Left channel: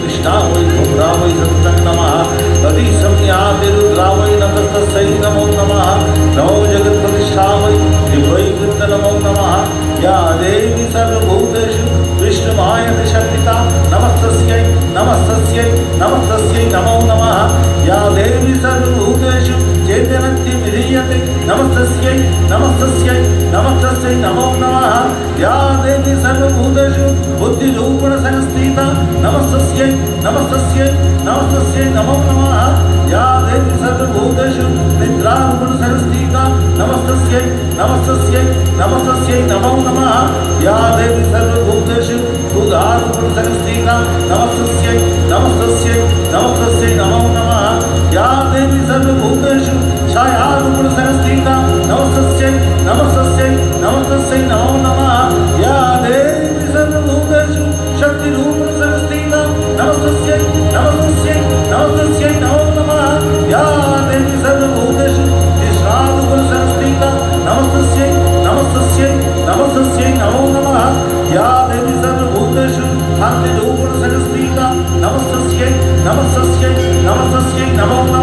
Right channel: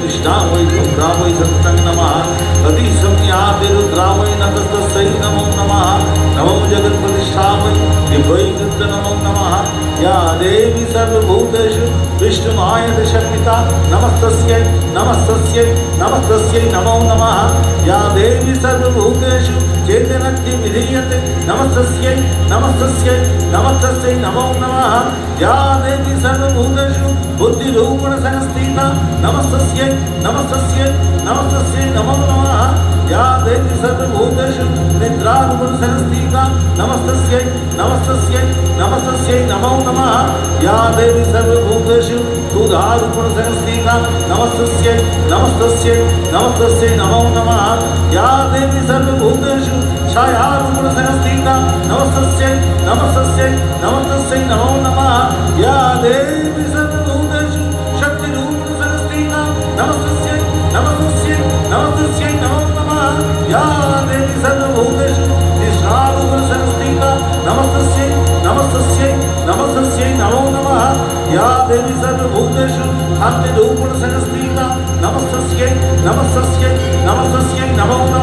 कृष्णावै रुद्रावै सत्तं नमः तदिसंज्ञाते रुद्रावै नतस्तस्यै नमो नमः नमो जगत्प्रतिष्ठावै दिव्यै कृत्य नमो नमः या देवी सर्वभूतेषु विष्णुमाया शक्तिता नमस्तस्यै नमस्तस्यै नमस्तस्यै नमो नमः या देवी सर्वभूतेषु चैतन्यं विधीयते नमस्तस्यै नमस्तस्यै नमस्तस्यै नमो नमः या देवी सर्वभूतेषु बुद्धिरूपेण संस्थिता नमस्तस्यै नमस्तस्यै नमस्तस्यै नमो नमः या देवी सर्वभूतेषु निद्रारूपेण संस्थिता नमस्तस्यै नमस्तस्यै नमस्तस्यै नमो नमः या देवी सर्वभूतेषु उदारूपेण संस्थिता नमस्तस्यै नमस्तस्यै नमस्तस्यै नमो नमः या देवी सर्वभूतेषु छायारूपेण संस्थिता नमस्तस्यै नमस्तस्यै नमस्तस्यै नमो नमः या देवी सर्वभूतेषु शक्तिरूपेण संस्थिता नमस्तस्यै नमस्तस्यै नमस्तस्यै नमो नमः या देवी सर्वभूतेषु कृष्णारूपेण संस्थिता नमस्तस्यै नमस्तस्यै नमस्तस्यै नमो नमः या देवी सर्वभूतेषु शान्तिरूपेण संस्थिता नमस्तस्यै नमस्तस्यै नमस्तस्यै नमो